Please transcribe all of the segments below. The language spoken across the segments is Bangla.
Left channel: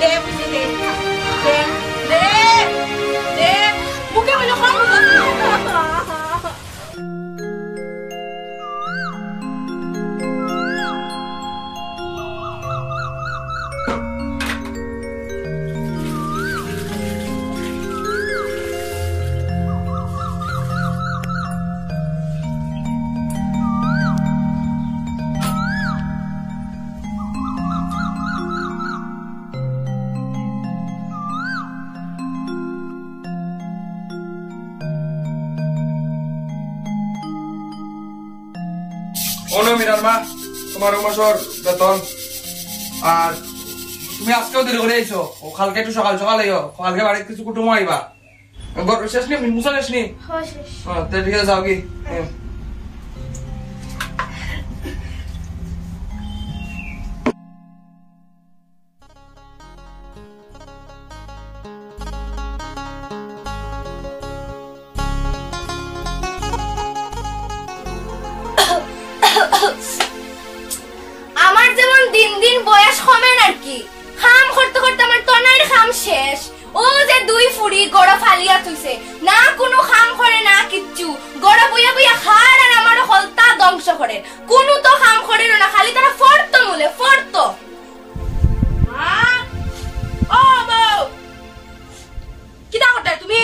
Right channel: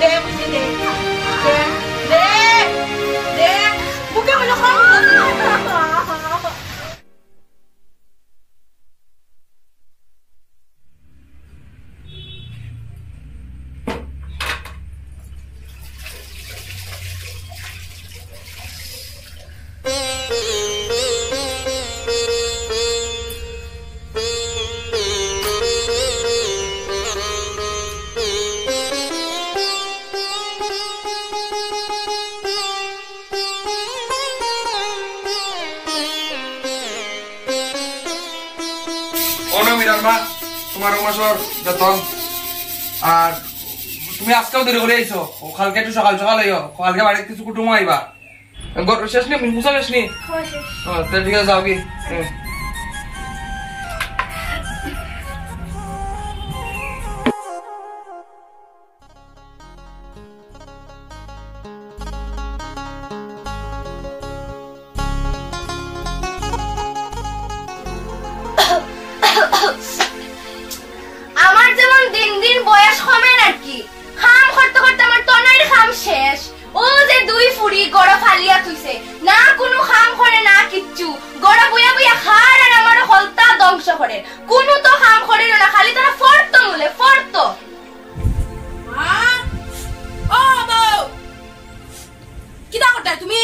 দে দে দে দে বুকে হলো খাম মা তোমার মাসর বেতন আর তুমি আজকেও দেরি করে আইছো কালকে একটু সকাল সকাল আইও কালকে বাড়িতে কিছু কুটুম আইবা শেষ নি মুসা শেষ নি ঠিক আছে যাও কি আমার যেমন দিন দিন বয়স কমে আর কি খাম করতে করতে আমার তনের খাম শেষ ও যে দুই ফুড়ি গড়া ফালিয়া তুইছে না কোনো খাম করে না কিচ্ছু গড়া বইয়া বইয়া খার আর আমার হলতা ধ্বংস করে কোনো তো খাম করে না খালি তারা ফর্ত মুলে ফর্ত ও বউ কিটা করতে তুমি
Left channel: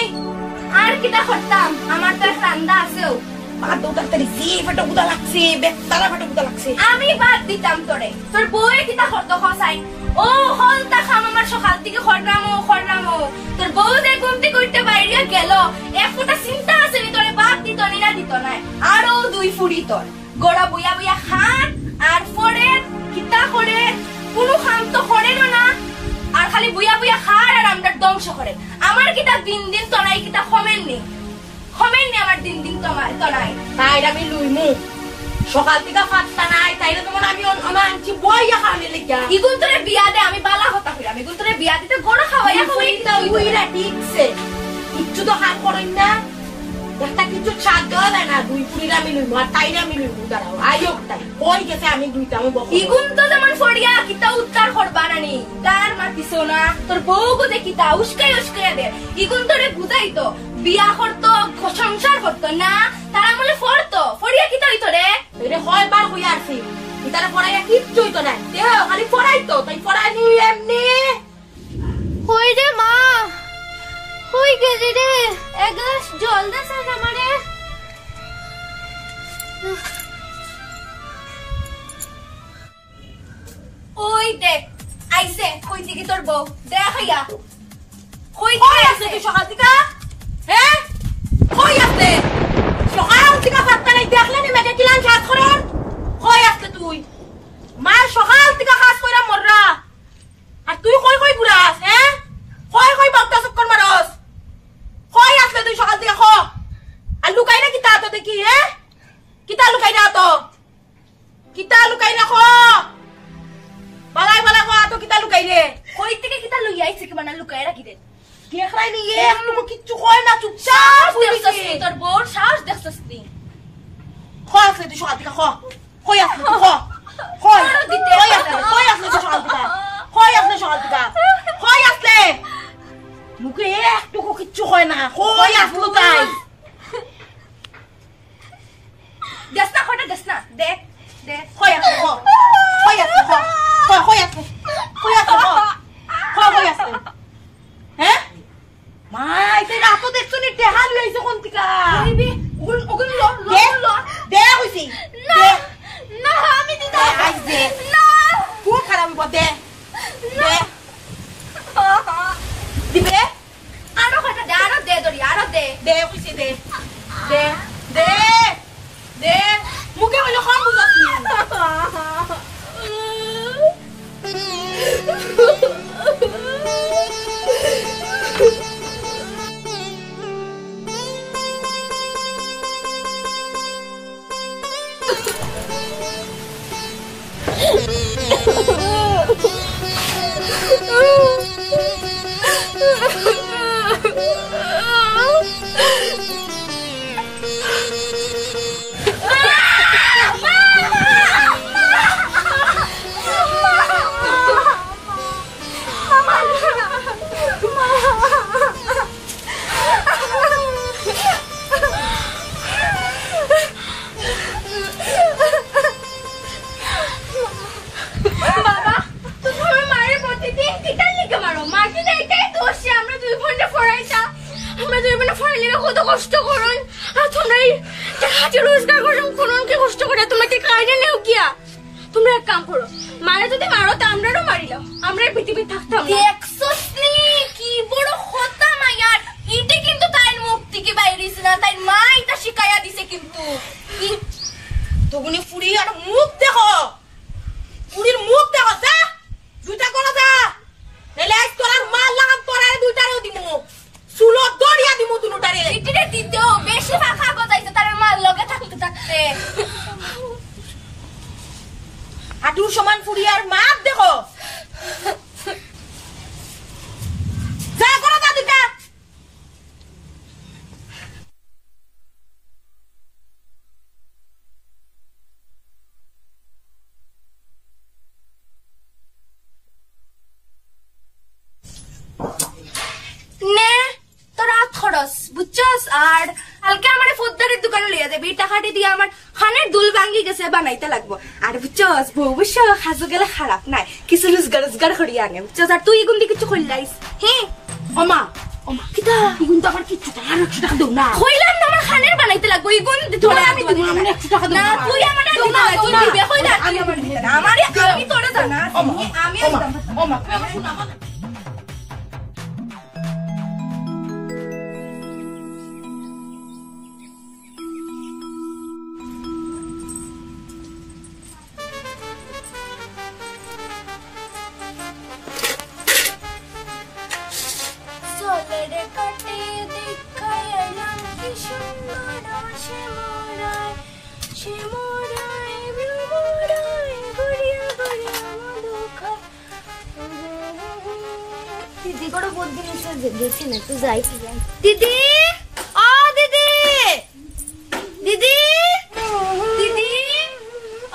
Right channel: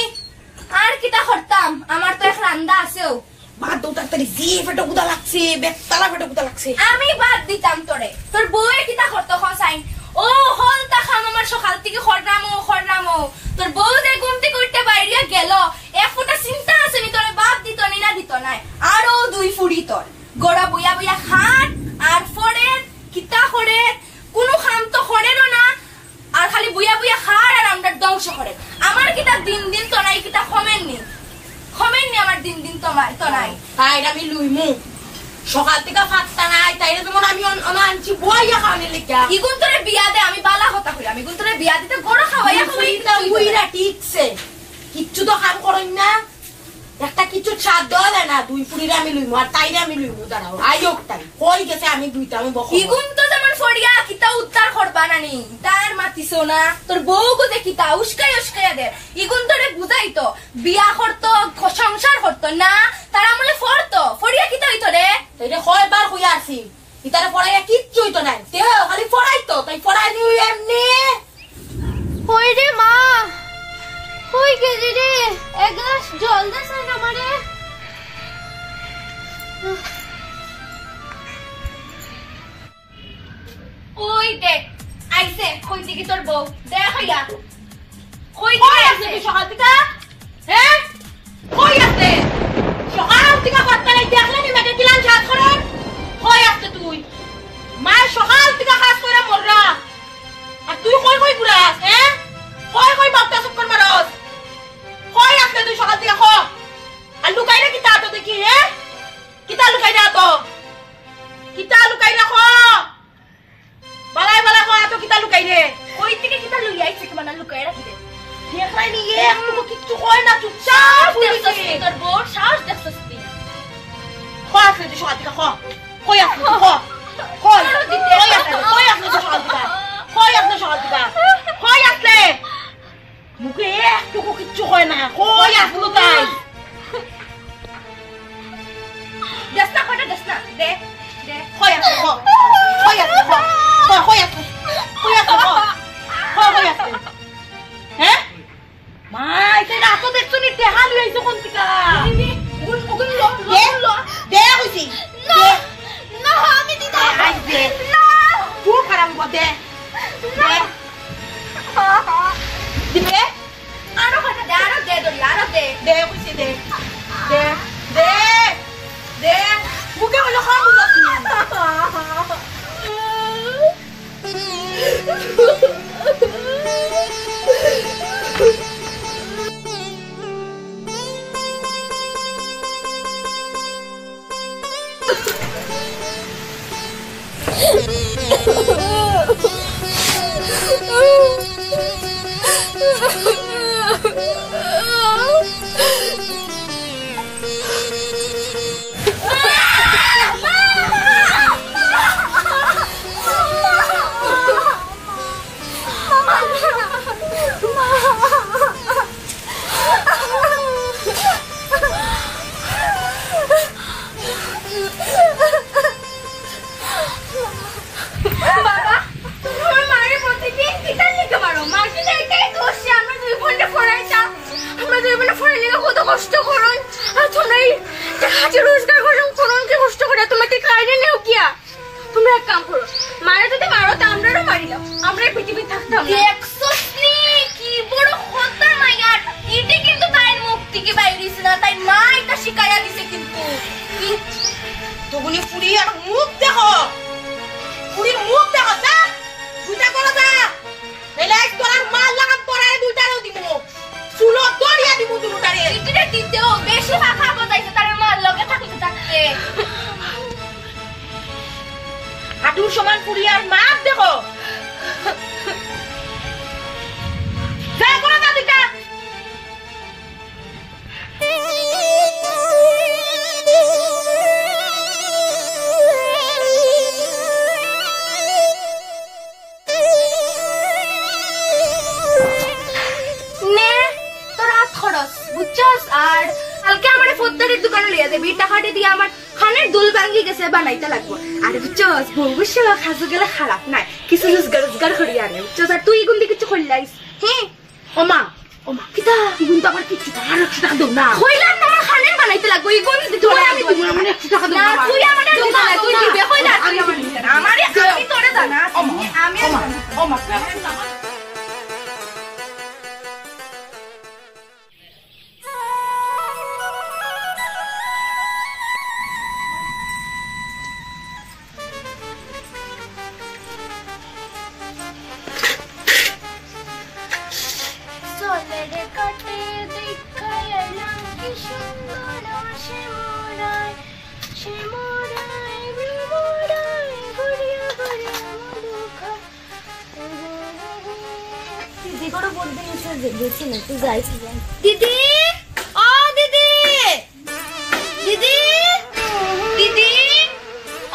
আর কিটা করতাম আমার তো এক রান্দা আছেও বাদ দাও তাড়াতাড়ি সি ফটো গুদা লাগছে বেতালা ফটো গুদা লাগছে আমি বাদ দিতাম তোরে তোর বউয়ে কিটা করতো খসাইন ও হলতা খাম আমার সকাল থেকে খরনামো তোর বউ যে ঘুমতে করতে বাইরে গেল এক ফোঁটা চিন্তা আছে নি তোরে বাদ দিত নি না দিত নাই আরো দুই ফুড়ি তোর গড়া বইয়া বইয়া খান আর ফরে কিতা করে কোনো খাম তো করে না আর খালি বইয়া বইয়া খার আর আমরা ধ্বংস করে আমার কিটা দিন দিন তো নাই কিটা কমেননি আমার দিন দিন তোমার তো নাই তাই আমি লুইমু সকাল থেকে ফাটতা নাই তাইরে তোমার আমি আনছি বইয়া খাওয়ালে লিখা ইগুন তোরে বিয়া দে আমি বালা কথা কইলাম ইগুন তোরে বিয়া দিতে গড়া খাওয়াইয়া কইতা উইরা ঠিকছে কিচ্ছু তো কাম করই না একটা কিছু ছাদ দেওয়া যায় না দুই পুরিরা আমি লইমু আর তাইরে আমি লইমু দাঁড়াও আয়োগ তাই কই গেছে আমি দুইটা আমি বকো ইগুন তো যেমন ফড়িয়া কিতা উত্তর করবা নানি তার মাতিছো না তোর বউ গো যে কিতা উস্কাই দে ইগুন তোরে বুঝাই তো বিয়া করতো সংসার করতো না তার আমলে ফড়তো ফড়িয়া কিতা হইতো রে এরে কয়বার কইয়া আছি ইতারে পড়াইয়া কিচ্ছু হইতো না দেহ খালি পড়াইতো তাই পড়াই দিও এমনি কই রে মা কই গেলি রে এক গ্লাস জল দে স্যার আমারে ওই দেখ আইছে কই দিকে তোর বউ দেখ হইয়া কই দিকে আইছে তুই সকাল থেকে হ্যাঁ কই আছে সকাল থেকে ফাটতা নাই দেখলে আমি মেটে কিলান ছাদ করেন কই আছে তুই মা সকাল থেকে কাজ কইরা মররা আর তুই কই কই বুড়াস হ্যাঁ কই বাপটা চক্কর মারস কই আছে তুই সকাল থেকে খ আর লুকাই না কিতা তো দেখি হ্যাঁ কিতা লুকাই না তো কিতা লুকাই না খ বালাই বালা খ তো কিতা লুকাই রে কই থেকে কিতা লই আইছে কি মানে লুকাই রাখি দে দেখলাই নি একটুকু কিচ্ছু কয় না চুপচাপ দেখছস তোর বউ সাহস দেখছস তুই খ আছে তুই সকাল থেকে খ কই আছে তুই খ কই আছে তুই সকাল থেকে কই আছে সকাল থেকে কই আছে মুখে একটুকু কিচ্ছু কয় না কই আসলো তাই দেসনা কটা দেসনা দে দে কই আছে খ কই আছে খ কই আছে কই আছে খ কই আছে হ্যাঁ মা এটা না তো দেখছো নি দেহা লইছে কোন টিকা ওগুন ল দে হইছি না না আমি দিতে আই দে না খুব খারাপ দে দে দিবে আরো কটা দে আরো দে দড়ি আরো দে দে হইছে দে দে দে দে মুখে হলো খাম বুঝাস তুই মানে ফাইলিংয়ে কত কষ্ট করুন আর তোমরা হাতে রোজগার করুন কি কষ্ট করে তোমরা কি কাজে নেও কিয়া তোমরা এক কাম করো মারা যদি মারো তা আমরাও মারিলাম আমরা পৃথিবী থাকতাম না দেখছস নি কি বড় কথা মাইয়ার ইটি কিন্তু তাই মুখ থেকে বাইরেছে না তাই মা এটা শিখাইয়া দিছে কিন্তু তগুনি পুরি আর মুখ দেখো পুরির মুখ দেখো যা দুইটা করো যা নাইলে এক তোলার মাল লাগাম পরে দুইটারও দিমু চুলো দড়িয়া দিমু দুটারে ইটিরে দিতেও বেশি ফাঁকা বাজাইছে তার মার লগে থাকতে থাকতে হাঁটুর সমান পুরি আর মাপ দেখো যা করো যা দুইটা বুঝছস আর কালকে আমার ফোদ্দারের দোকানে লিয়ে যাবি টাকাটি দিয়ে আমার খানের দুল ভাঙ্গি গেছে বানাইতে লাগবো আর বুঝছস ভবিষ্য খাজু গেলে খারাপ নাই কিছু রোজগার করি আনে বুঝছস আর তুই এগুন দিয়ে কিছু করলাইস হ্যাঁ ওমা কিতা এগুন তো আমার কিছু টাকা 100 টাকা দাও না কইলাম না আমার খানের বানাইতে লাগবো এগুন দিতে আমি দিব আমার 100 টাকা দাও না তুই আমার দিবি না তুই দিবি কইলা আমি আমার আমি তোরে দাও না আমি ওমা দিদি ও দিদি দিদি দিদি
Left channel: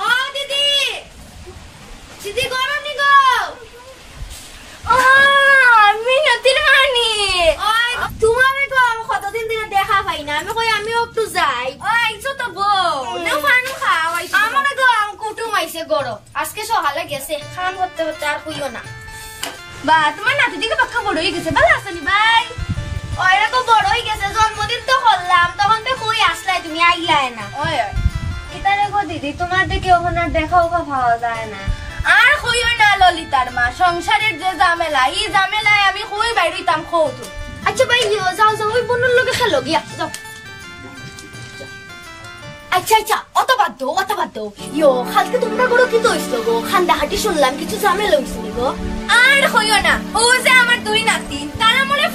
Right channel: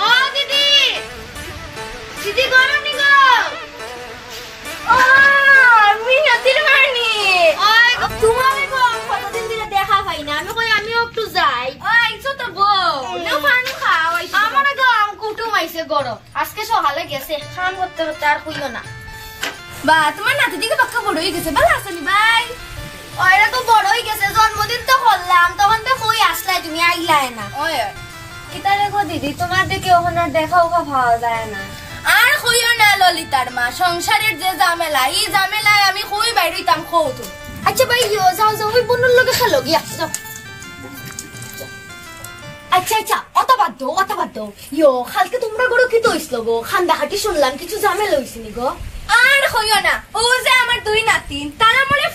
ও দিদি দিদি গরনি গো আমি নতির মানি তোমারে গো কতদিন ধরে দেখা পাই না আমি কই আমিও একটু যাই আইছো তো বউ না পানি খাও আইছো আমারে গো আম কুটুম আইছে গড় আজকে সকালে গেছে খান করতে করতে আর কইও না বা তোমার নাতি দিকে পাক্কা বড় হয়ে গেছে ভালো আছো নি ভাই ওইরা তো বড় হয়ে গেছে জন্মদিন তো করলাম তখন তো কই আসলাই তুমি আইলাই না ওই কিতারে গো দিদি তোমার দিকে ওখানে দেখাও পাওয়া যায় না আর কইও না ললিতার মা সংসারের যে ঝামেলা এই ঝামেলায় আমি কই বাইরেইতাম খৌতো আচ্ছা ভাই যাও যাও ওই বন্ধুর লগে খেলো গিয়া যাও আচ্ছা অত বাদ দাও কালকে তোমরা বড় কি দইছিল গো খান্দাহাটি শুনলাম কিছু ঝামেলা হইছিল গো আর কইও না ও যে আমার দুই নাতিন তারা মনে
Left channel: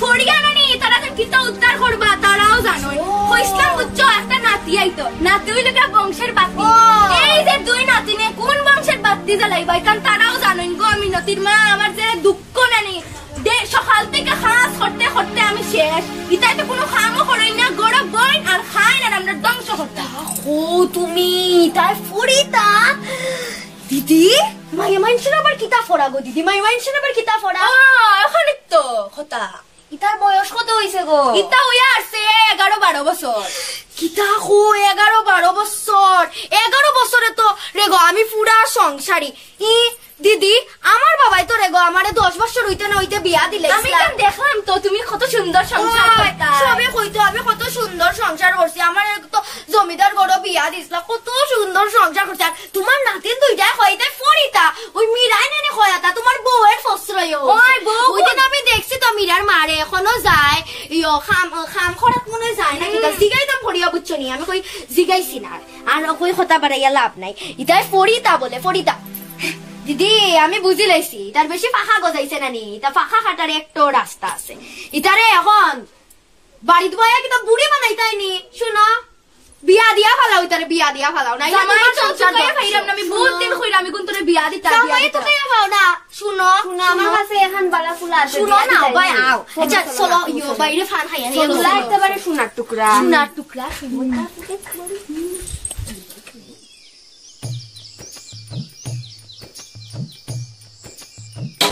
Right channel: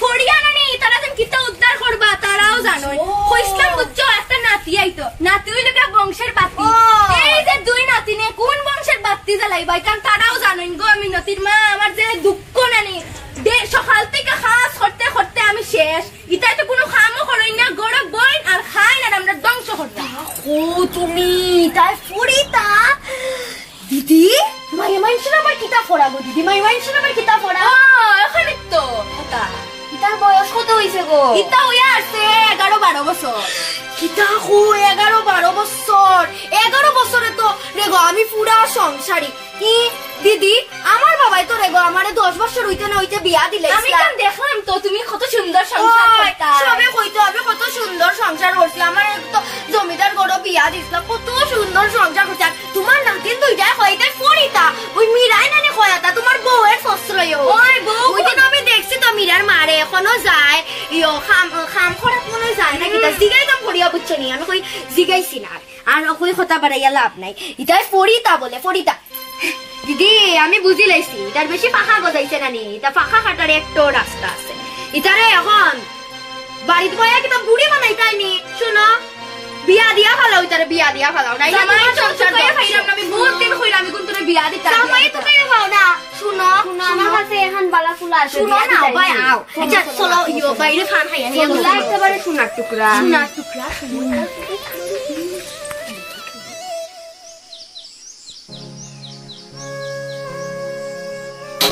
ফড়িয়া না নেই তারা যেন কিতা উদ্ধার করবা তারাও জানোই কইসলাম বুঝছো একটা নাতি আইতো নাতি হইলে বংশের বাতি এই যে দুই নাতিনে কোন বংশের বাতি জ্বালাইবাই কারণ তারাও জানোই গো আমি নতির মা আমার যে দুঃখ নানি সকাল থেকে খাস করতে করতে আমি শেষ ইতাই তো কোনো খামও করই না গড় বইন আর খাই না আমরা ধ্বংস করতে ও তুমি তাই ফড়িতা দিদি মাইমাইনছেন আবার কিতা ফড়া গো দিদি মাইমাইনছেন আবার কিতা ফড়া এখানে তো কথা ইতার বয়স কত হইছে গো ইতা হইয়া আছে 11-12 বছর কিতা হো 11-12 বছর 11 বছরে তো রেগো আমি পুরা সংসারী কি দিদি আমার বাবাই তো রেগো আমারে 10 বছর হইতে না হইতে বিয়া দিলে আমি কেন দেখলাম তো তুমি কত সুন্দর সংসার করতা সবে কইতো আমি কত সুন্দর সংসার করছি আমার তো জমিদার গড় বিয়া দিছলা কত সুন্দর সংসার করছ তোমার নাতিন দুইটা কইতে ফড়িতা ওই মিরাই নানি কয়াতা তোমার বউয়ের ফসরয় ওই বউ ওইটা আমি দেখছি তো মিরার মারে এখনো যায় ইয়ো খাম খরাত মনে যায় না কিতা জিগাইতাম ফড়িয়া বুঝছো নি আমি কই জিগাইছি না আর কই কথা বাড়াইয়া লাভ নাই ইতাই ফড়িতা বলে ফড়িতা দিদি আমি বুঝি লাইছি তার বেশি পাখা গজাইছে নানি তা পাখা কাটার একটা রাস্তা আছে ইতারে এখন বাড়িতে বয়া কিতা বুড়ি বানাইতাইনি শুনো বিয়া দিয়া ফালাও ইতারে বিয়া দিয়া ফালাও না জামাই সংসার করে খাইলাম না আমি বহুত দিন কইরা আমি কোনতরে বিয়া দিতা জামাই তো তাই ফাও না শুনো আমার কাছে এখন বালা ফুলা আছে শুনো না ভাই আও আচ্ছা চলো ইয়ো বাইরে ফান খাইয়া নিয়ে চলো একেবারে সোনার টুকরা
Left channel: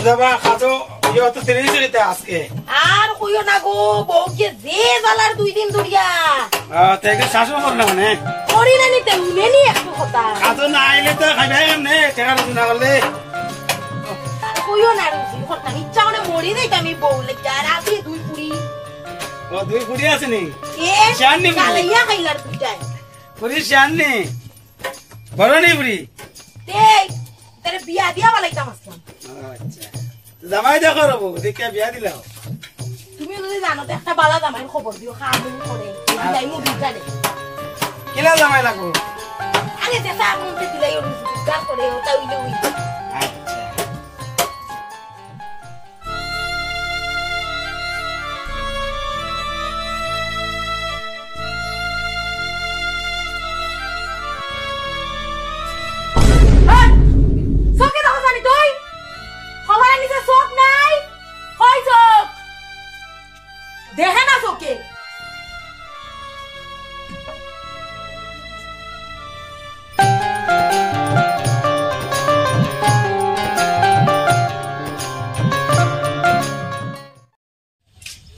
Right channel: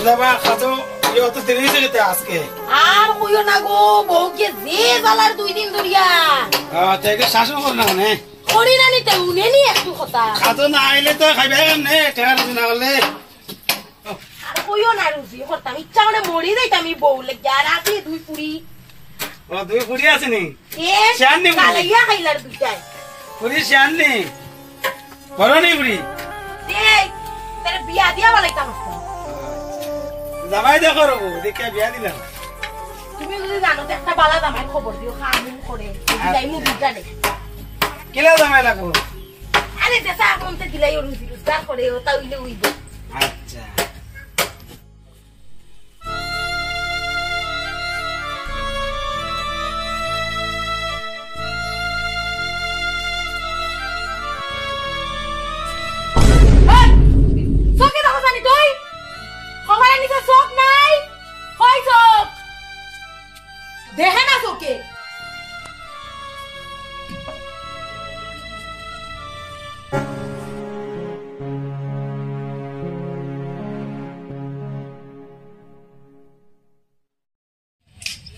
যাবা খাতো ইয়ো তো দেরি হইছে কিতা আজকে আর কইও না গো বউকে যে জ্বালার 2 দিন ধরিয়া তাইকে শাসন কর না মানে করি না নিতে উনেনি একটু কথা খাতো না আইলে তো খাইবে এমনে টাকা রুজি না হলে কইও না রুজি করতাম ইচ্ছা হলে মরি যাইতাম আমি বউ লেগে আর রাতে 2 পুরি ও তুই ফুরি আসনি এ শান্তি বুড়ি। কালাইয়া খাইলার দুটাই ফুরি শান্তি বড় নেই বুড়ি এই তারে বিয়া দিয়া বলাইতাম আজকে। জামাই দেখো রবো দেখে বিয়া দিলাম তুমি যদি জানো তো একটা বালা জামাই খবর দিও খামিন করে দিলাই মু বিটা দে কিলা জামাই লাগবো আরে দেশা কোনতে দিলাই ওর বিটা করে ওটা উইলে উইলে আচ্ছা চোখে দেখো জানি তুই খবর নিছে চোখ নাই কই চোখ দেখে না চোখে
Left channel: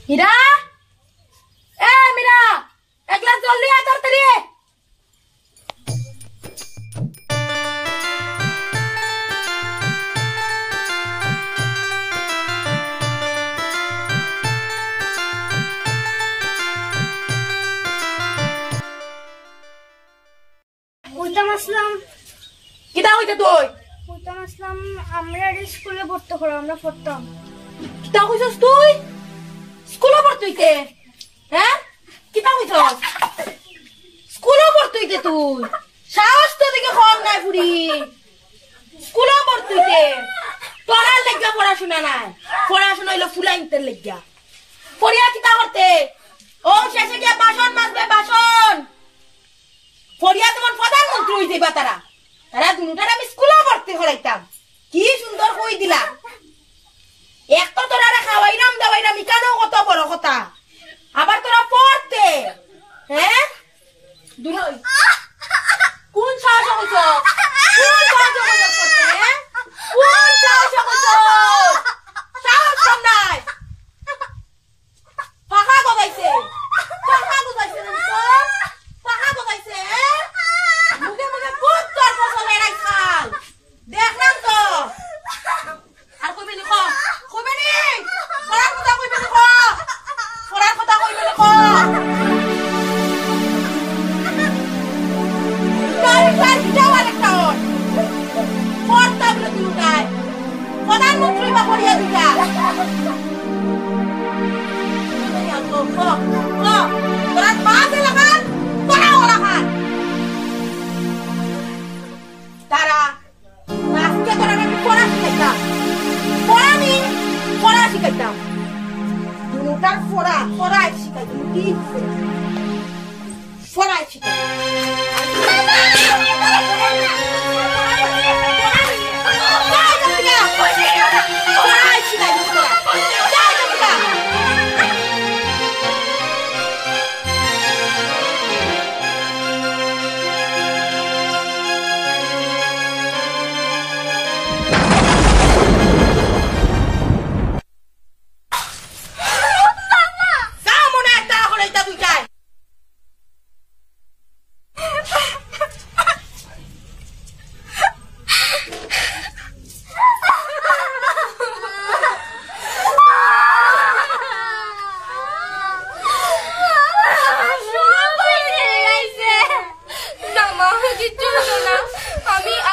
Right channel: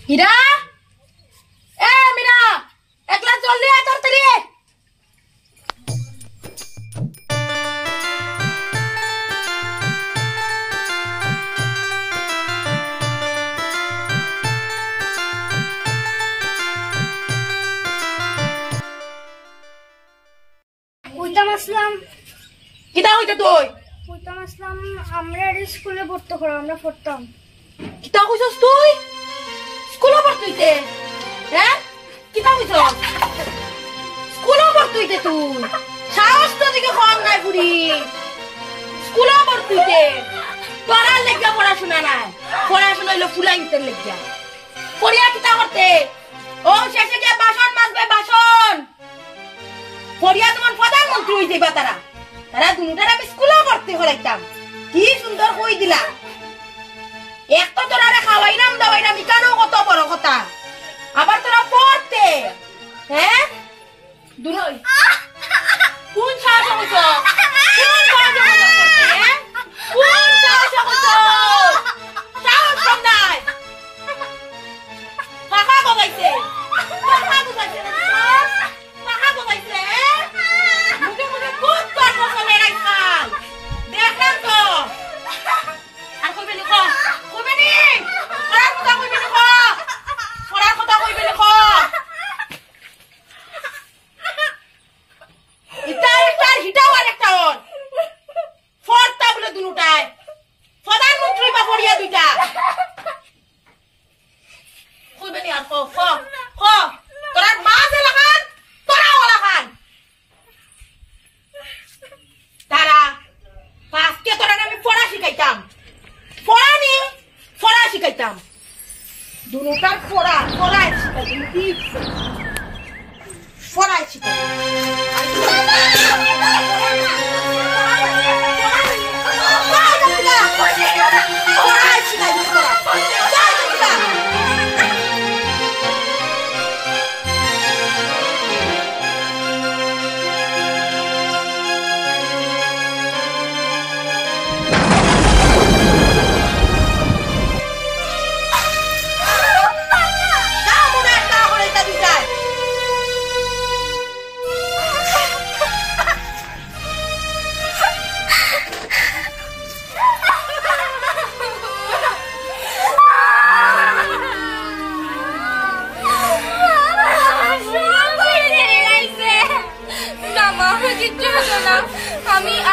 হীরা এ মীরা এক গ্লাস জল দিয়ে আয় তাড়াতাড়ি কইতাম আসলাম কিতা হইতে তুই কইতাম আসলাম আমরা স্কুলে পড়তে করো আমরা পড়তাম কিতা কইছস তুই স্কুলে পড়তুইতে হ্যাঁ কিতা কইছস স্কুলে পড়তুইতে তুই সাহস তো দিকে কম নাই বুড়ি স্কুলে পড়তুইতে তোরার লেগা পড়াশোনা নাই পড়াশোনা হইলো ফুলাইতের লেগা পড়িয়া কিতা করতে ও শেষে গিয়া বাসন মাজবে বাসন পড়িয়া তোমার প্রধানমন্ত্রী হইতে বা তারা তারা দুটার আমি স্কুলে পড়তে হলাইতাম কি সুন্দর কই দিলা এক তো তোরা খাওয়াইরাম দাওয়াইরাম ইকানো কত বড় কথা আবার তোরা পড়তে হ্যাঁ দুই কোন সাহস হইছ কোন সাহস হইছ পড়তে হ্যাঁ কোন সাহস হইছ সাহস কম নাই পাখা গবাইছে না পাখা গবাইছে মুখে মুখে খুব তোর পছন্দ এরাই খাল দেখলাম তো আর কইবে লিখ কইবে নি পড়ার কথা কইবে লিখ পড়ার কথা কইবে লিখ ইতার হিটাও আরেকটা ওর পড়তা বলে দুটায় প্রধানমন্ত্রী বা পড়িয়া দুইটা কইবে নি আর তোরা মাঝে লাগান তোরাও লাগান তারা আজকে তোরা আমি পড়া শিখাইতাম পড়া শিখাইতাম দুটার পড়া শিখাইতাম পড়া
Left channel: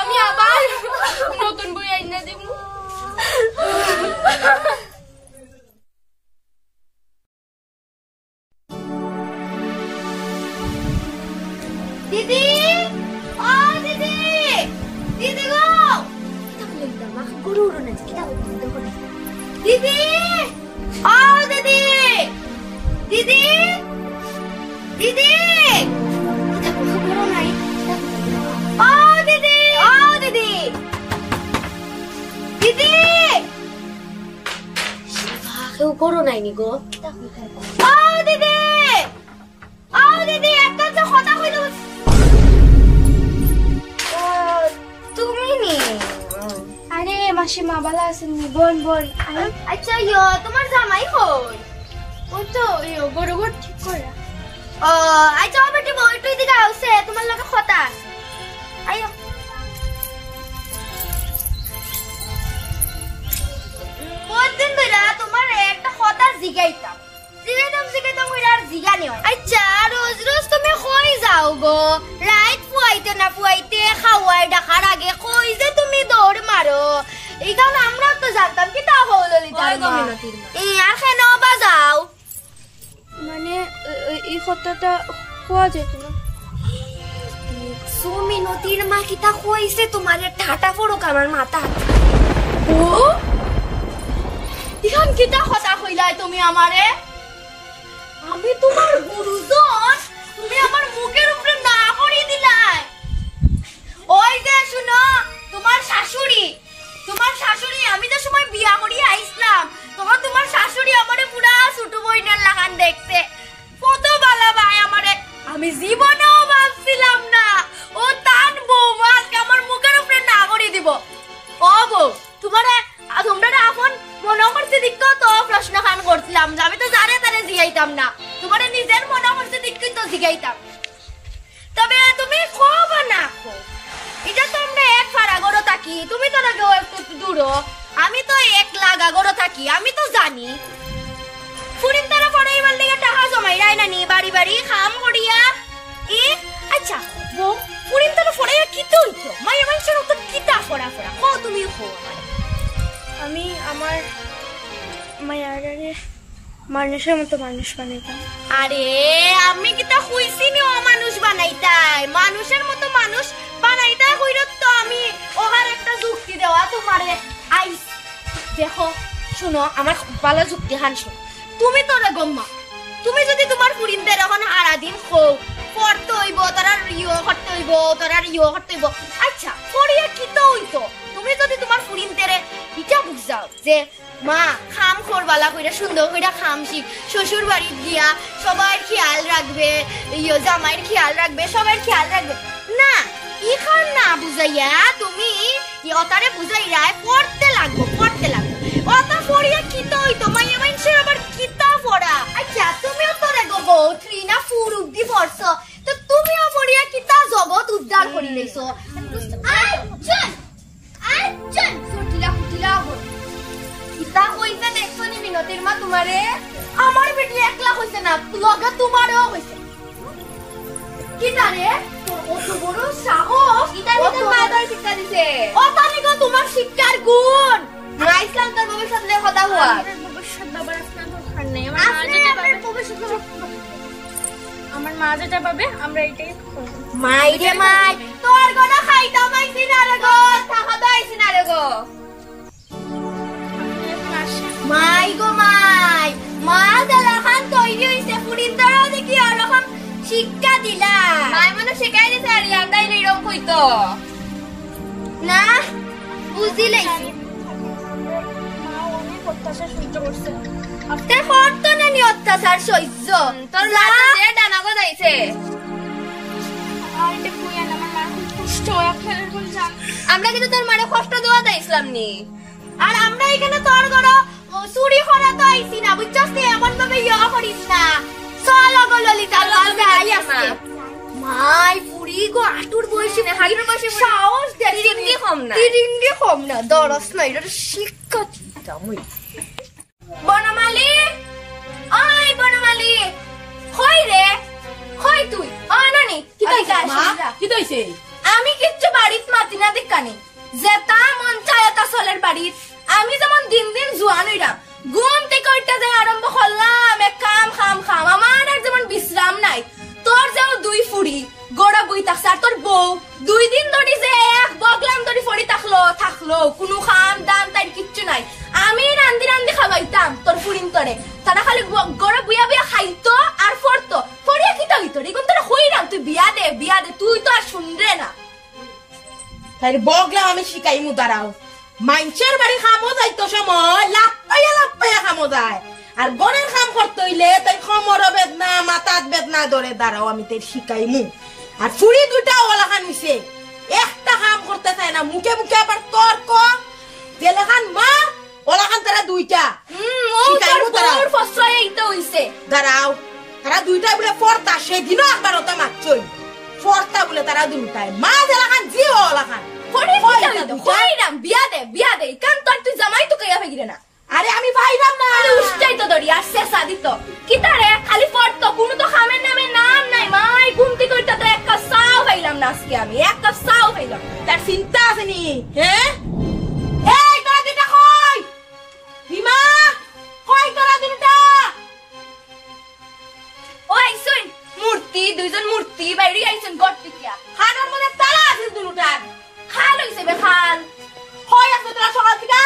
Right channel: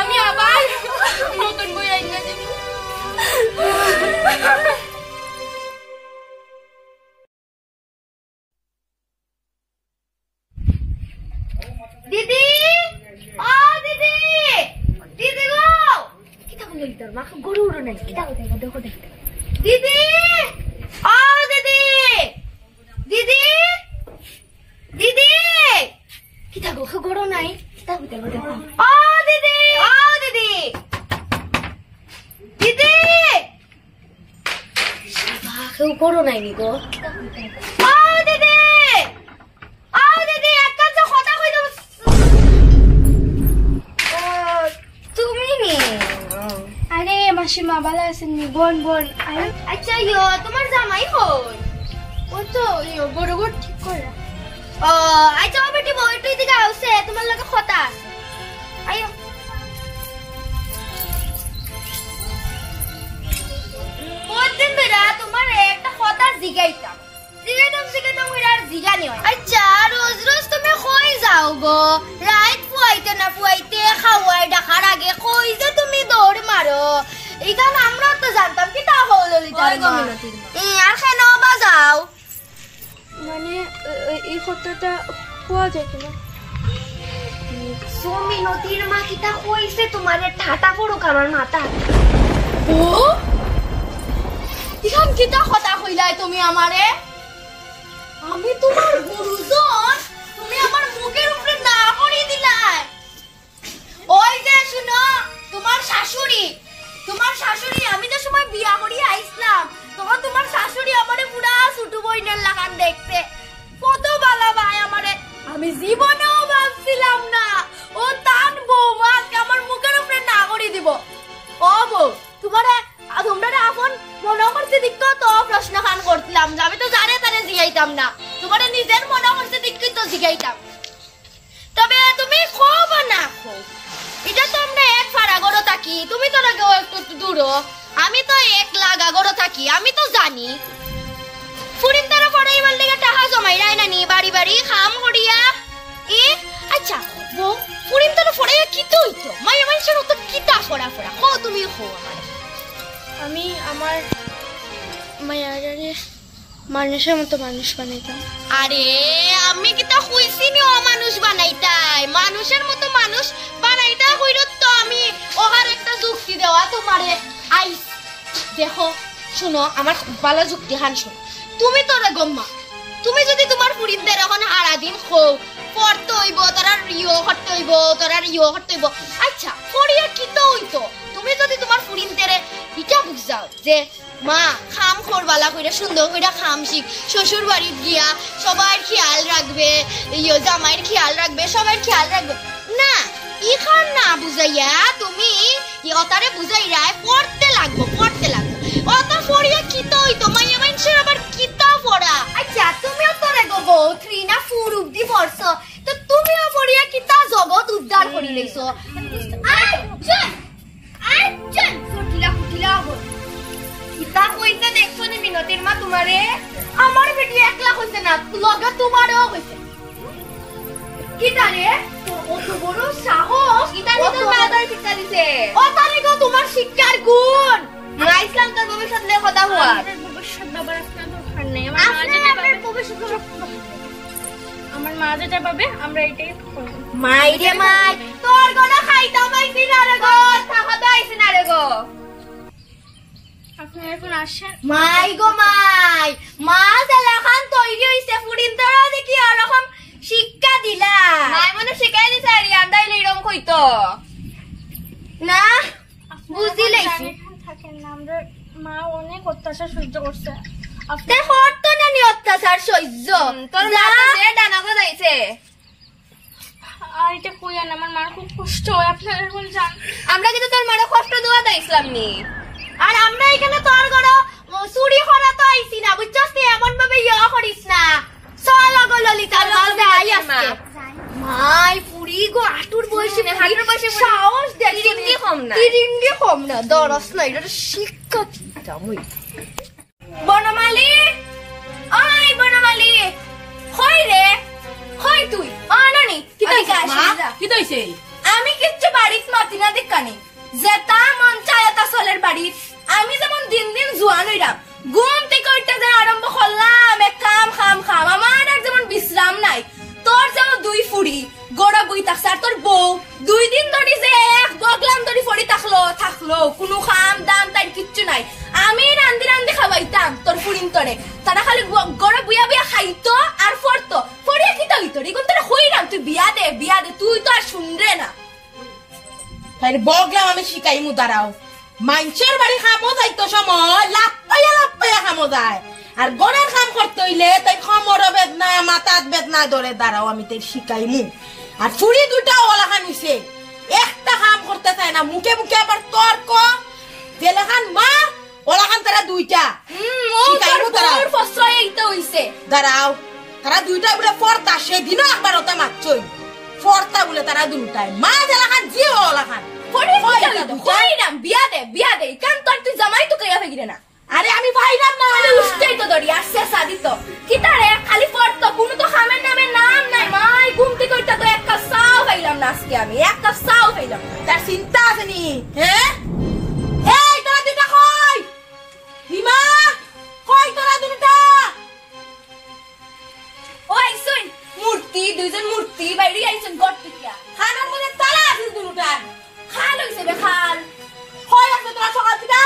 আমি আবার নতুন বই আইনা দেব দিদি ও দিদি দিদি গো কিটা বলে দিতাম মা গরু উড়ো না কিটা বলে দেখো দেখো দিদি ও দিদি দিদি দিদি কিটা গরু নাই ও দিদি দিদি কেউ করো নাই নি গো ও দিদি একটা তো কথা কইলো ও তুমি নি আরে মাসিমা ভালো আছেন নি বোন আচ্ছা ইয়ো তোমার জামাই হল ও তো ইয়ো বড় ঠিক করে ও আচ্ছা বেটি বউ একটু দিকে আউছে তোমার লাগে কথা আছে আইও কতদিন ধরে তোমার একটা কথা জিগাইতাম জিগাইতাম কমসে কম আর জিগানি হয় আচ্ছা রোজ রোজ তুমি কই যাও গো রাত পুয়াইতে না পুয়াইতে খাওয়াই ডাকার আগে কই যে তুমি দৌড় মারো এইখান আমরা তো জানতাম কি তা হল ললিতার মা এই আর কেন বাজাও মানে এই কথাটা কোয়া যায় কিনা সুমিনতির মা কিতা কইছে তোমারে ঠাটা করুক আমার মাথা ও ইখান কিতা কথা কইলাই তুমি আমারে আমি তোমার গুরুজন তুমি আমার মুখের উপরে না করি দিলাই ওই যে শুনো তোমার শাশুড়ি আমি যে সময় বিয়া করি আইসলাম তখন তোমার শাশুড়ি আমারে পুরা ছোট বইনের লাগান দেখতে কত ভালো ভাই আমারে আমি জীবনেও ভাবছিলাম না ও তার বৌমা আমার মুখের উপরে না করে দিব ও বউ তোমরা আপন মনে করতে দিকতো তো প্রশ্ন খান করছিলাম যে আমি তো জানে তারে জিগাইতাম না তোমার নিজের মনে করতে দিকতো তো জিগাইতাম তবে তুমি খুব না খুব এটা তো আমরা এক ফাড়া গড়ো থাকি তুমি তো নাকি একটু দূরো আমি তো এক লাগা গড়ো থাকি আমি তো জানি ফুরিন তারা পড়াইবার লেগে টাকা জমাই রায় না নি বাড়ি বাড়ি খাম করিয়া আচ্ছা বউ ফুরিন তারা পড়াইয়া কি তো হইতো মাই মানুষের তো কিতা ফড়া কো তুমি হো আমি আমার মায়ারে মানুষের মতো মানুষ বানাইতাম আরে আমি কিতা কইছি নি ও মানুষ বানাইতাই মানুষের মতো মানুষ বানাইতাই কইরো তো আমি ওহার একটা যুক্তি দেওয়া তোমারে আইস দেখো শুনো আমার ভালো যুক্তি হান শুনো তুমি তো রে গম্মা তুমি যদি তোমার পুরিনদের এখন সারা দিন খো পড়তে হইব তারা করতে হইব তারা করতে হইব আচ্ছা পড়িয়া কি তো হইতো তুমি যদি তোমার পুরিনদের ইটা বুঝাও যে মা খাম করবালা কইরা সুন্দর কইরা খাম শিখ শ্বশুর বাড়ি গিয়া সবার খেয়াল রাখবে জামাইয়ের খেয়াল রাখবে সবার খেয়াল রাখবে না ইখান না বুঝাইয়া তুমি অতারে বুঝাইরা পড়তে লাগবো অত পড়িয়া কিতা হইতো মাইয়া মানুষের আবার কিতা পড়া আচ্ছা তুমিও তো রে গো 3 না 4 অবধি পড়ছো তো তুমিও পড়িয়া কিতা জগৎ উদ্ধার করি লইছো কিতা কইতে দেখছো নি বিনতির মা তোমারে আমার বেটি একলা কইছে না লগে তোমারও কইছে কিতা রে কত বড় সাহস কিতা নিতে মাদার শিক্ষা দিছে ও তানি গো তোমার শিক্ষার গুণ রাইসলাম তোর ভবিষ্যৎ নিয়ে কথা হওয়া ভবিষ্যৎ বাবার আপনার দরকার নেই আমার মা যেটা পাবে আমরা এটাই করব মাই রে মাই তোর গনা খাইতা পাইছি না রে গো টাকা পাইছি না রে গো আপনি এখন আসেন মাই গো মাই মা দেলাখান তৈরি হইছে ফুরিন তোরা দেখি এরকম শিক্ষা দিলা মাই মনে শিখাই দিছে আর ইয়ান্দাই এরকম কইতো না বুঝিলাইছি আমরা মা অনেক অত্যাচার সহ্য করছে আপনার হতো না নি অত্যাচার সহ্য তোর মা যে ডানা করে যাইছে আর এটা কইয়া না আমার মার খুব কষ্ট হয় আপনারা বল জান আমরা কিন্তু তোর মারে কষ্ট দেওয়া দাইছিলাম নি আর আমরা এখানে তোর ঘর চুরি করা তো আইছি না বুঝছস নি এমন ভাবে করিস না চল গো ললিতা মাঝে আই আছে মাই পুরি গো আটুর বয়সে সাহস দে তিরিঙ্গি কম না দরস না এটা শিক্ষা দিতা মই বনমালী ওই বনমালী কই রে কই তুই নানি কি কইছে আমি কিচ্ছু বাড়িত মাতি না দেখানি যেটা মন চায় তা চলের বাড়িত আমি যেমন দিন দিন জোয়ান হইরাম ঘুম থেকে উঠতে যে আরম্ভ করলাম এক খাম আমার আর যেমন বিশ্রাম নাই তোর যেমন 2 ফুড়ি গোড়া বই থাকছে আর তোর বউ 2 দিন ধরে যে এক বগলাম ধরে ফড়ি থাকলো কোনো খাম দাম তাই কিচ্ছু নাই আমি রান্দি খাওয়াইতাম তোর ফুড়িন তরে তারা খালি গোড়া বুয়া খাইতো আর ফড়তো ফড়িয়া কি হইতো রে কোন তোরা হইরাম তুই বিয়া দে তুই তো আর শুনরে না তাই বগলাম আমি শিখাইমু দাঁড়াও মানুষের বাড়ি খামো যাইতো সময় লাপাইয়া খামো যায় আর গড়ের কাম করতে হইলে তাই খমর বেদনা মাথাত বেদনা ধরে দাঁড়াও আমি তাই শিখাইমু আর ফুড়ি দুটা ওলা খান হইছে একটা কাম করতে চায় না মুখে আবার তর্ক জেলেখান মা ওলা খান তারা দুইটা শিখাইমু দাঁড়াও ফসরাই এইটা হইছে দাঁড়াও তারা দুইটা বলে পড়তা সেদিনও একবার ওটা মারছই পড়তা বলে তারা দুটাই মা জেলেখান জিও ওলা খান বিয়া দে কান তোর তুই জামাই তো কইয়া ফেগিরে না আরে আমি পাইলাম না খালি উষ্টাই তো দড়ি আর শেষা দিত কিতা রে খালি পড়তো কোনো তো খামের নামে নাম নাই মাই ঘুমতি কইতা তো এক কাপ চাও খাইলাম না আজকে আমি এক কাপ চাও খাইলাম তার চিন্তা আছে নি হ্যাঁ এই তোরা দুটা কই বিমা কই তোরা দুটা ও আইছুন মূর্তি দুইজন মূর্তি বাইরে আইছুন গট্টিয়া খানার মধ্যে তালা আছে দুটা খাল হইছে বে খাল কই আছে তোরা সকাল থেকে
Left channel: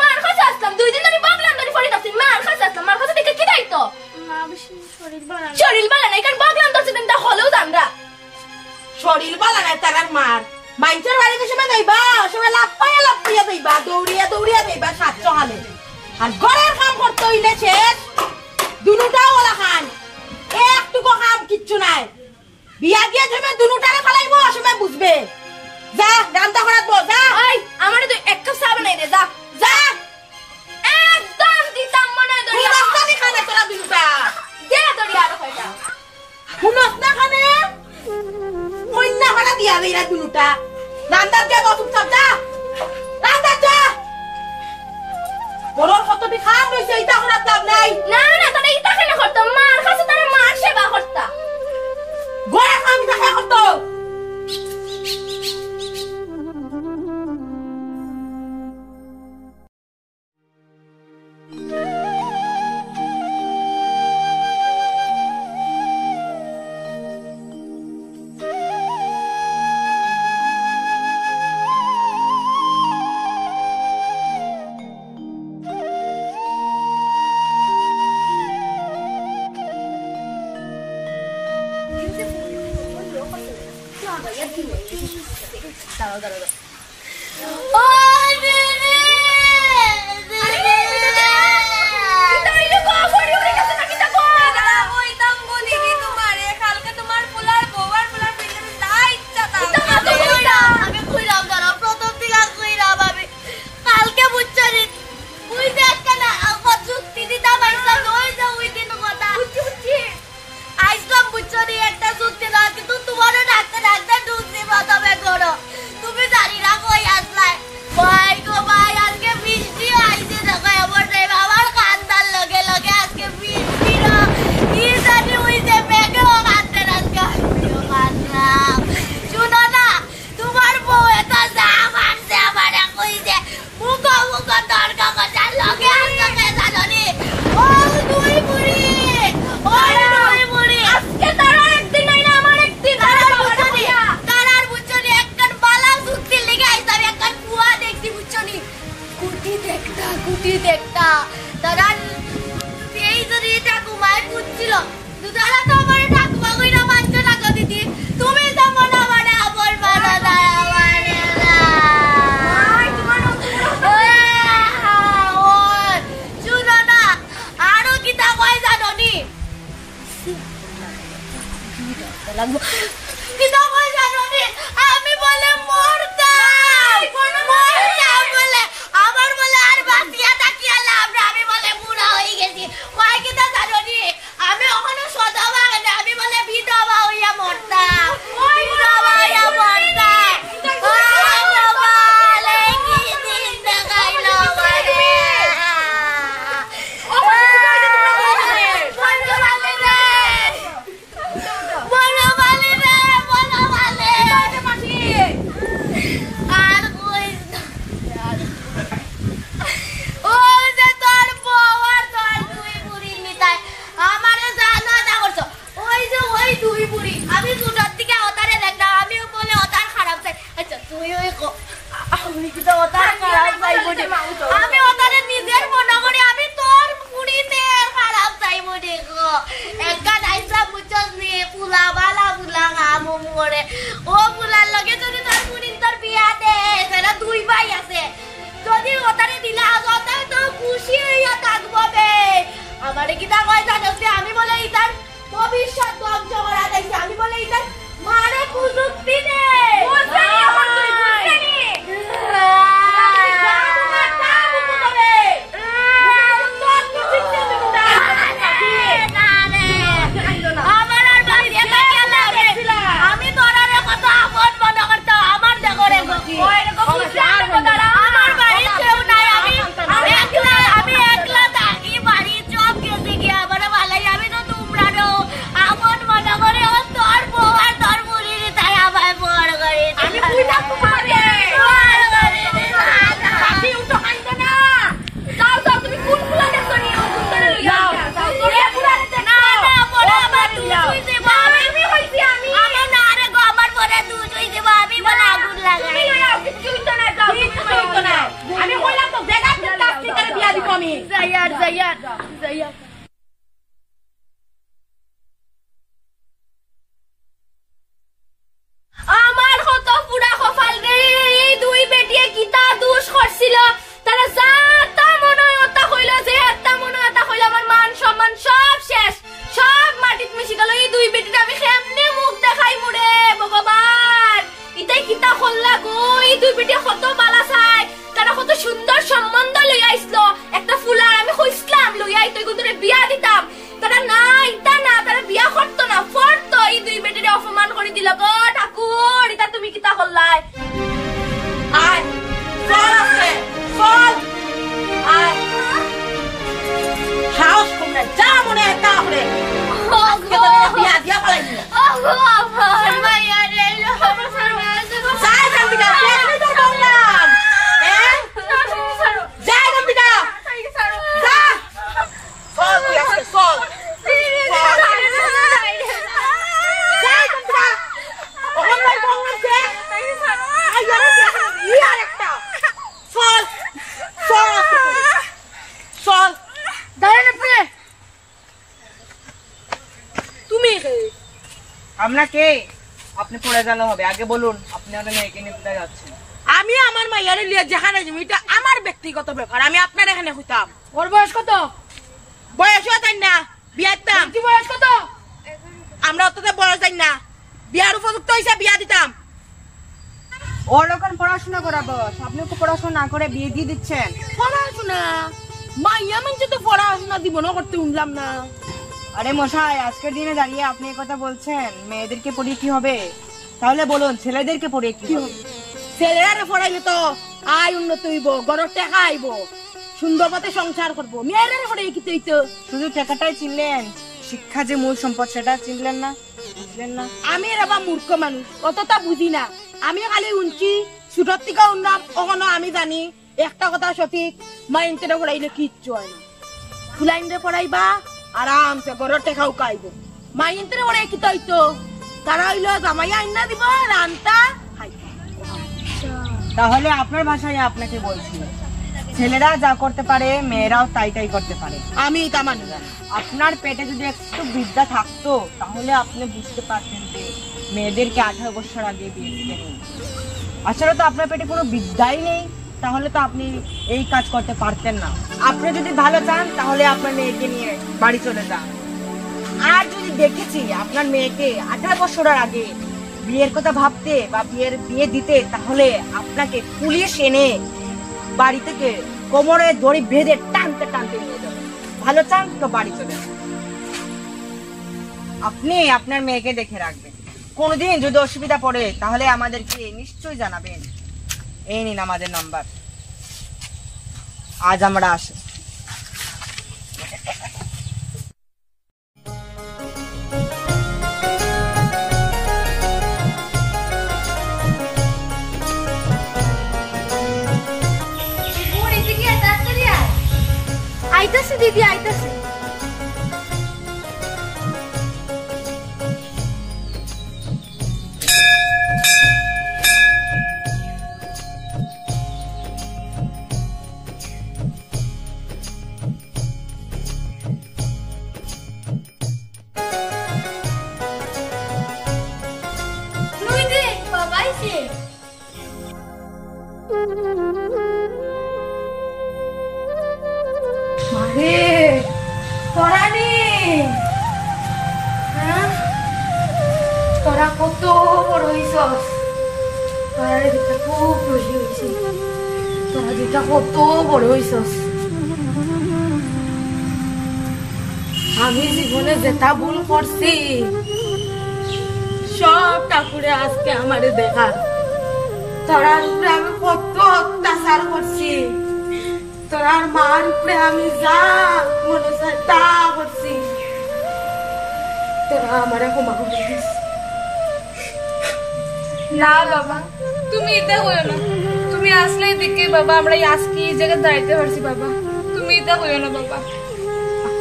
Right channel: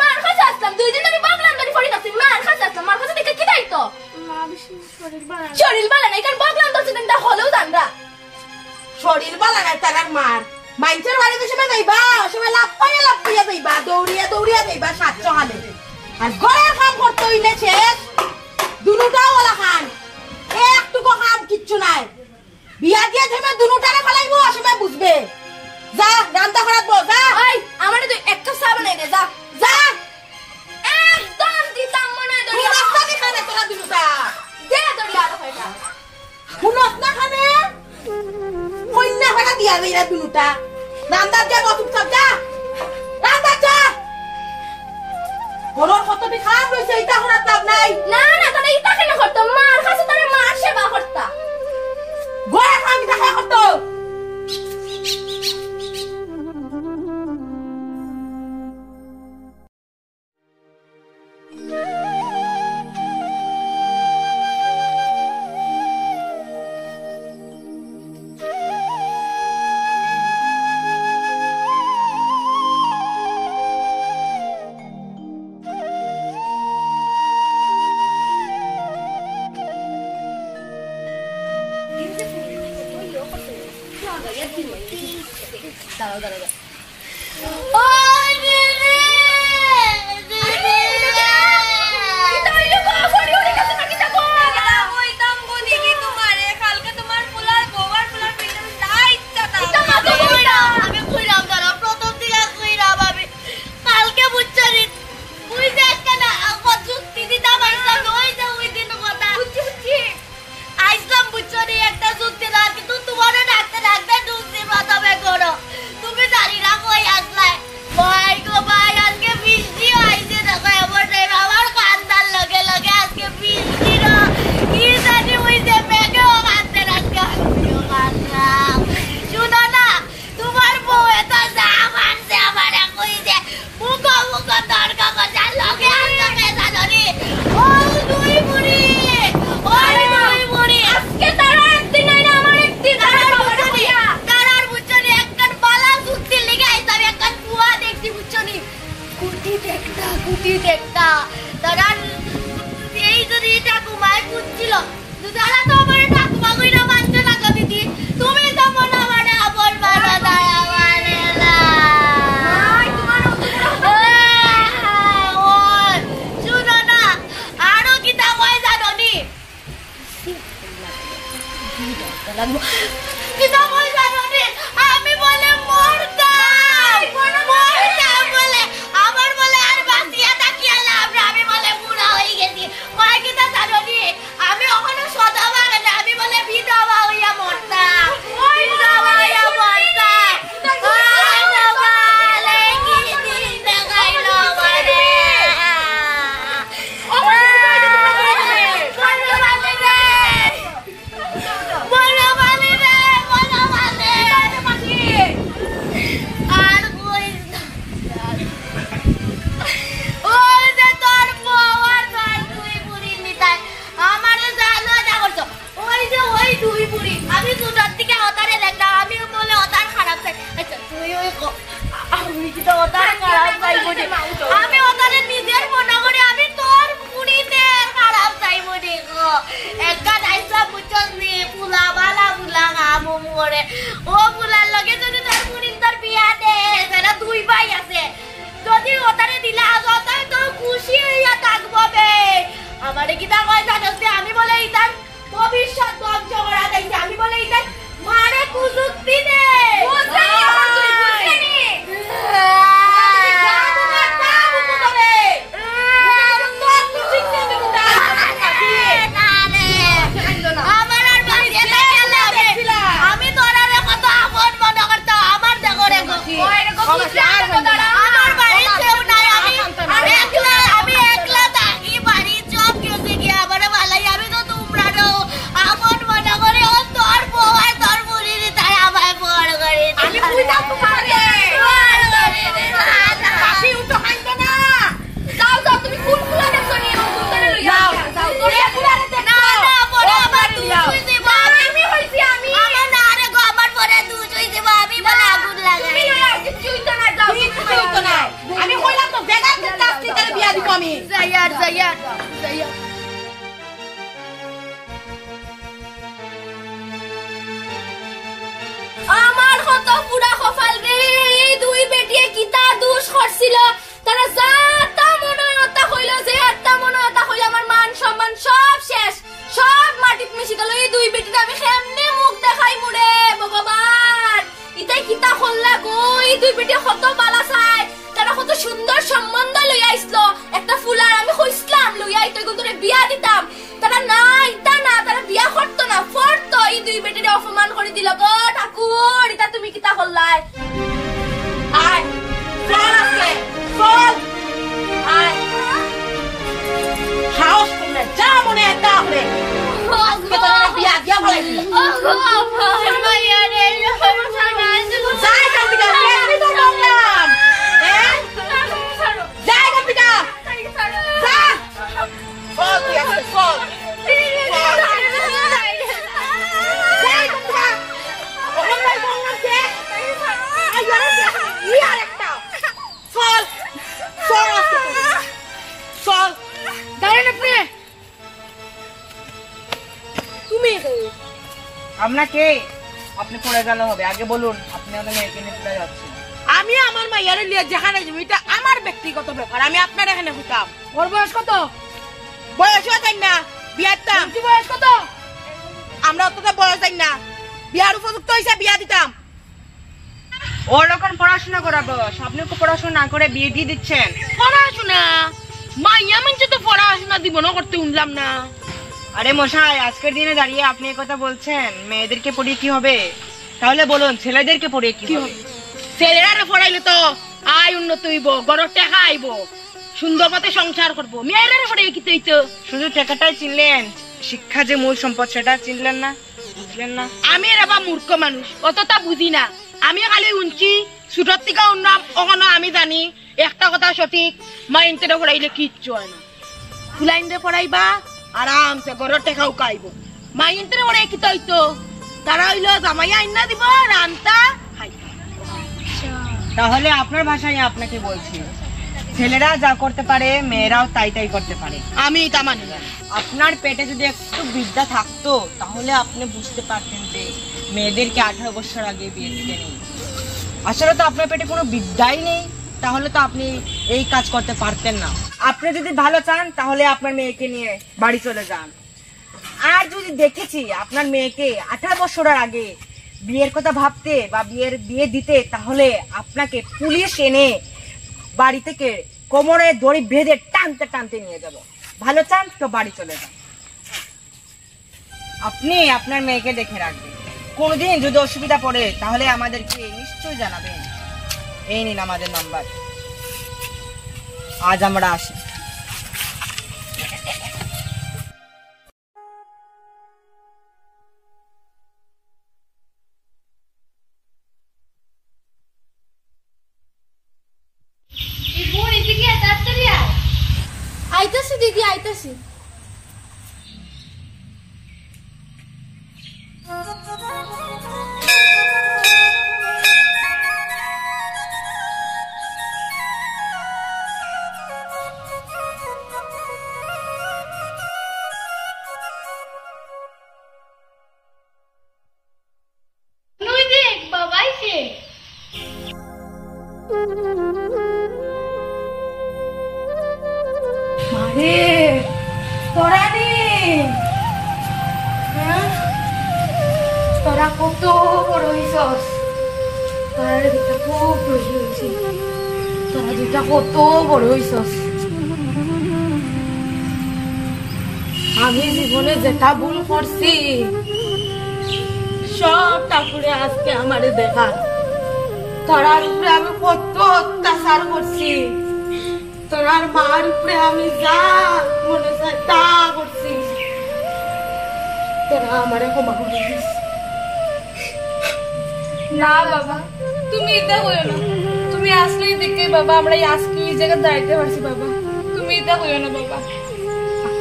মার খাসে আসলাম দুই দিন ধরে বগলাম ধরে ফড়ি নাছি মার খাসে আসলাম মার খাসে দেখে কি দাইতো মা বেশি শরীর ভালো না। শরীর বালা নাই কারণ বগলাম ধরছে দিন তা হলেও জানরা শরীর বালা নাই তারার মার মাইন্সের বাড়িতে সময় যাইবা সময় লাফাইয়া যাইবা দৌড়িয়া যাইবা 700 হালে আর ঘরের কাম করতে হইলে শেষ দুনুটাও ওলা খান একটুকু কাম কিচ্ছু নাই বিয়া দিয়ে সময় দুনুটারে ফালাইবো সময় বুঝবে যা রান্না করাত বো যা এই আমারে তুই এক কাপ চা বানাই দে যা যা একদম দিতাম মনে তুই দড়ি রাস্তা দি খানে তোরা দুনুটা দে দড়ি আর কয়টা শুনস না খানে কন্যা ভাড়া দিয়া গইরা দুনুটা রান্না যা বসুক সব যা রান্না যা বড় কতটি খাম রইছে এইটা করার লাভ নাই না না তাহলে ইটা কেন করতো মার কাছে তারে মার সেবা করতা গোয়া খাম দেখা করতো দাঁড়াও দাঁড়াও তুমি জানি না কই আসলাই ভাই গো ভাই আজকে বৃষ্টি আইছে দেখো এমন আমার কান্দার লগে লগে আজকে বৃষ্টি রা কি জানি হইছে মেঘেও কান্দে আজকে আমিও কান্দলাম শুনো না তোমার বউ এটা যা মানছে আমারে কইছে মুখো মুখো তর্ক করার লগে আসবে জানি ও দুই বুড়ি ও দুই বুড়ি আজকে তোরা একদিন হইলে আমার একদিন তারার বুঝছনি একখান বালা সুক্তি লেগে আইতাম একখান কুয়া দেখছি বুঝছনি কুটি দেখতা তারার এই যদি ঠাকুমায় বুঝছিল তারা তো আমার ঠাকুমা কইরা মানছে না গো দিদি তুমি তো মনে মানে আপন বানা দায় আমারে না শুনো না আরো কিতা কয় জানো নি কিতা কই জানি আমি বলে মরতাম বলে আমার বলে আর বাঁচিয়া তাকিয়া লাভ না আমি বলে বুড়া হয়ে গেছি কয় কিতা জানি আমি ওখানে সদা বাগানে আমি বলে বিধবা হইয়া মরতাম বিধবা হইয়া মরতাম আমি ওটারে নিজের মনে করি আমি তোর পুরিতে খারাপ চাইব দেখো একটা দাইসা বুঝছস নি ফুলা বালা ফুলা গামো মরে ও ফুলার লগে যদি তোর পুরিন তোর বিয়া দে সেটা দুই ভাই আছে যদি ওটারে দিলা ওটাই তো খুশি হইয়া থাকবো বে আমারে কিটা কয় জানোস আমি বলে ইতার ভবিষ্যৎ ধ্বংস করা দেখছি আমি বলে ইতার মারে কুযুক্তি দে আমি তোর কত আপন মনে করতো আমার দেখো রে যাইয়া আমার কত পুরা কপাল রে এই দুই বেটিয়ে কিতা দুষ করছিল তারা যাতা মনে ওটা হইল যে একটা মনে ওটা হইল আমার মান সম্মান সব শেষ সব মাটিত মিশে গেল এই দুই বেটির আমি কেমনে মুখ দেখাই মুরে ভগবান ইতাই কিতা হল্লা গো এই দুই বেটি কত বালা চাই তারা কত সুন্দর সম্বন্ধ লই আইছিল একটা ফুলার আমি কইছিলাম লই আই তুই গুতরে বিয়া দিতাম তারা নাই তা না তারা বিয়া করতো না ফরতো এই দুই বেটিরে অপমান করে দিল গো ঠাকুর এটা তুমি কিতা হল্লাই আয় চল আজকে চল আয় সাহস করে যা মনে একটা করে আজকে তোর বিয়া দিয়া ফলাইছি যাই কান্দিকা কেমনি তো বললাম যাই কান্দিকা যা চল তুই আজকে চল যাই কান্দিকা ওখান নাই বললাম যে ইয়ার একটা চল চল আজকে চল দাঁড়ান আপনি তুমি আপনাকে আপনি পড়ে গেল হবে আগে বলুন আপনি আমাদের মেয়েকে নিয়ে কোথায় যাচ্ছেন আমি আমার মাইয়ারে লিয়ে যেখানে যাবো এটা আমার ব্যক্তিগত ব্যাপার আমি আপনার এখানে হইতাম ওর বয়স কত বয়স তাই না বিয়ারতাম কি বয়স কত আমরা অতটা বয়স তাই না বিয়ার উপযুক্ত হয়েছে বিয়া দিতাম ওর এখন পড়াশোনা করা বয়স আপনি ওকে পড়াশোনা না করে বিয়ে দিয়ে দিচ্ছেন পড়াশোনা মাইয়া মানছে তো পড়াশোনা দিব না করতে উনলাম না আরে মশাই আজকের দিনে দাঁড়িয়ে আপনি এই কথা বলছেন মেয়েদেরকে পড়িয়ে কি হবে তাহলে বলুন ছেলেদেরকে পড়িয়ে কি হবে ছেলেরা পড়াইলে তো আয় উন্নত হইব গড়ের টাকা আইব সুন্দর মতে সংসার করবো মেয়েরা পড়াই কি তো শুধু টাকাটাই চিনলেন শিক্ষা যে মূল সম্পদ সেটা চিনলেন না বুঝলেন না আমি এবার মূর্খ মানুষ অতটা বুঝি না আমি খালি উনছি ছোটর থেকে উন্নাম ওখানে আমি জানি একটা কথা সঠিক মাইন্ডে পড়াইলে কিচ্ছু হয় না ফুলাইন্ডে পড়াইবা আরামসে ঘরের টেকাও কাইব মাইন্ডে পড়াই কি তো তারা হইলো জামাই আইনা দিব রান্তা খাইতা তাহলে আপনার ভাষায় আপনাকে বলছি ছেলেরা যা করতে পারে মেয়েরাও তাই তাই করতে পারে আমি তা মানি না আপনার পেটে যদি একটু বিদ্যা থাকতো তাহলে আপনি বুঝতে পারতেন যে মেয়েদেরকে 18 বছর আগে বিয়ে দিতে নেই আসলে তো আপনার পেটে কোনো বিদ্যাই নেই তাহলে তো আপনি এই কাজ করতে পারতেন না আপনি যদি ভালো চান তাহলে আপনার মেয়েকে নিয়ে বাড়ি চলে যান আর যদি দেখেছি আপনার মেয়েকে 18 বছরের আগে বিয়ের কথা ভাবতে বা বিয়ে দিতে তাহলে আপনাকে পুলিশ এনে বাড়ি থেকে কোমরে দড়ি বেঁধে টানতে টানতে নিয়ে যাবে ভালো চান তো বাড়ি চলে যান আপনি আপনার মেয়েকে দেখে রাখবেন কোনদিন যদি অসুবিধা পড়ে তাহলে আমাদেরকে নিশ্চয়ই জানাবেন এই নিন আমাদের নাম্বার আজ আমরা আসি আইতাছি দিদি আইতাছি নুই দেখ বাবাই সে মারে তোরা নে তোরা কত বড় হইছস তোরা দুটা খুব খুশি হইছি তোরা দুটা কত বড় হইছস আমি জীবনে যেটা ভুল করছি সব ঠাকুরে আজকে আমারে দেখা তোরার উপরে আমি কত অত্যাচার করছি তোরার মার উপরে আমি যা মনে চাই তা করছি তোরা আমারে ক্ষমা করে দিস না বাবা তুমি এটা হইও না তুমি আসলেই দেখে বাবা আমরা আজকে এই জায়গায় দাঁড়াইতে পারছি বাবা তুমি এটা হইও না বাবা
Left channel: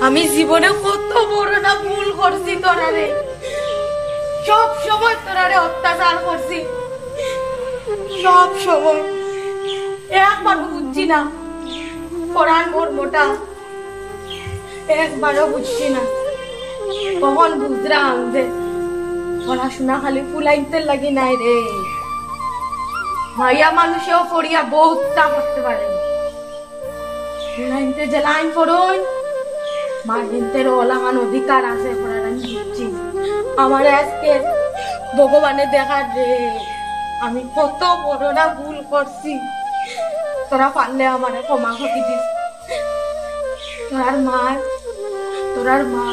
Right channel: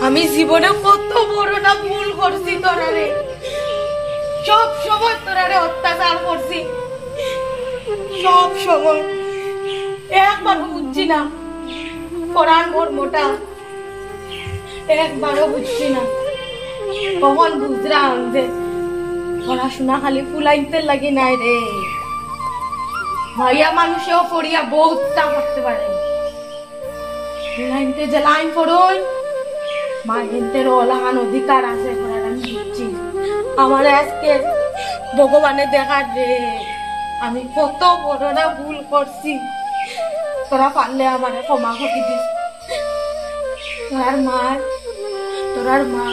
আমি জীবনে কত বড় না ভুল করছি তোরারে সব সময় তোরারে অত্যাচার করছি সব সময় একবার বুঝছি না পড়ার মর্মটা একবারও বুঝছি না। কখন বুঝলাম যে পড়াশোনা খালি ফুলাইতে লাগি নাই রে, ভাইয়া মানুষেও পড়িয়া বহুতটা করতে পারে। ফুলাইতে যে লাইন পড়ুন মা হিন্দের ওলাহান অধিকার আছে পড়ার, আমি বুঝছি। আমার আজকে ভগবানে দেখার রে আমি কত বড় না ভুল করছি। তোরা পারলে আমারে ক্ষমা করে দিস। তোরার মা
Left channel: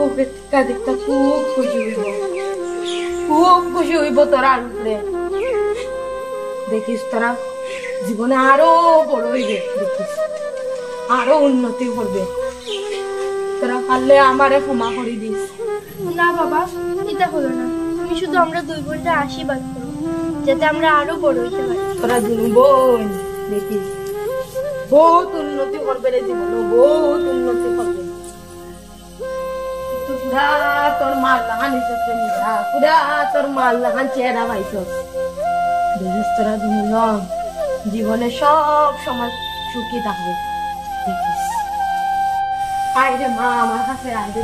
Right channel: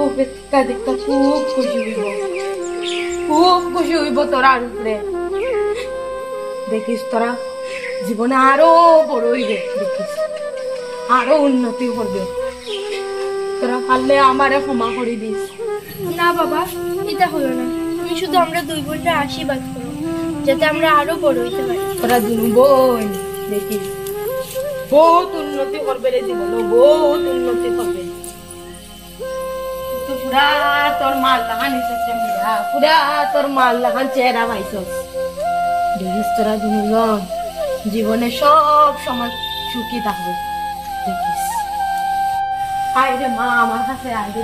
ও বেকা দেখতে খুব খুশি হইব, খুব খুশি হইব তোরার উপরে। দেখিস তোরা জীবনে আরো বড় হইবে, দেখিস আরো উন্নতি করবে। তোরা পারলে আমারে ক্ষমা করে দিস। না বাবা, এটা হলো না। তুমি শুধু আমরা দুই বোনটা আশীর্বাদ করো যাতে আমরা আরো বড় হইতে পারি। তোরা দুই বোন দেখিস বহুত উন্নতি করবে রে জীবনে, বহুত উন্নতি করবে। তুই পুরা তোর মাল লাগান পুরা তোর মাল লাগান চেহারা পাইছস। দেখিস তোরা দুজন জীবনে সব সময় সুখী থাকবে। দেখিস আয় রে মা আমার কাছে, আয় রে